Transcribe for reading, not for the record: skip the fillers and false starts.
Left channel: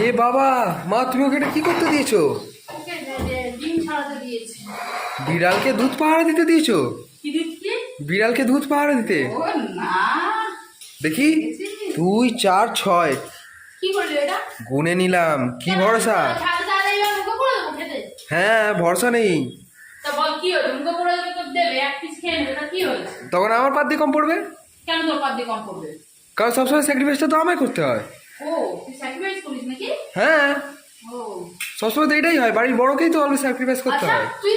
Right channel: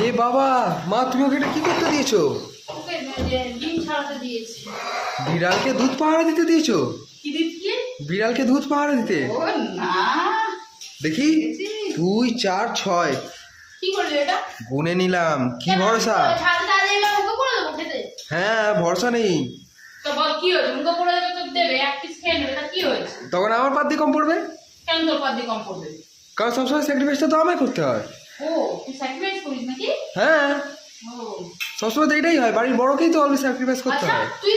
এ বাবা, মা তুমি ওকে এটা কি করতে দিয়েছো? ওকে ডিম ছাড়াতে দিয়েছি। বিড়ালকে দুধ পাহারা দিতে দিয়েছো? কি দিচ্ছি? বিড়ালকে দুধ পাহারা দিতে? ও না, দেখি, দেখেছি। 2 4 6 কি করলি এটা? গুনে নিলাম, কি ভরসা? ছাড়তে আরে মুখে করে দেবো খেতে। হ্যাঁ, ভরসা নেই। তো বল কি হয়েছে? মুখে করে দেবে তো দেবে, এক পিস খেয়ে নেবে, তা কি হয়েছে? তখন আমার পাত দিয়ে কম পড়বে, কেন তোর পাত দিয়ে কম পড়বে? কারণ সবসময় স্যাক্রিফাইসটা তো আমায় করতে হয়। ও তুই স্যাক্রিফাইস করিস নাকি? হ্যাঁ, ও সবসময় তো এটাই হয়, বাড়ির বড়কেই তো অলওয়েজ স্যাক্রিফাইস করতে আচ্ছা, হয়। তুই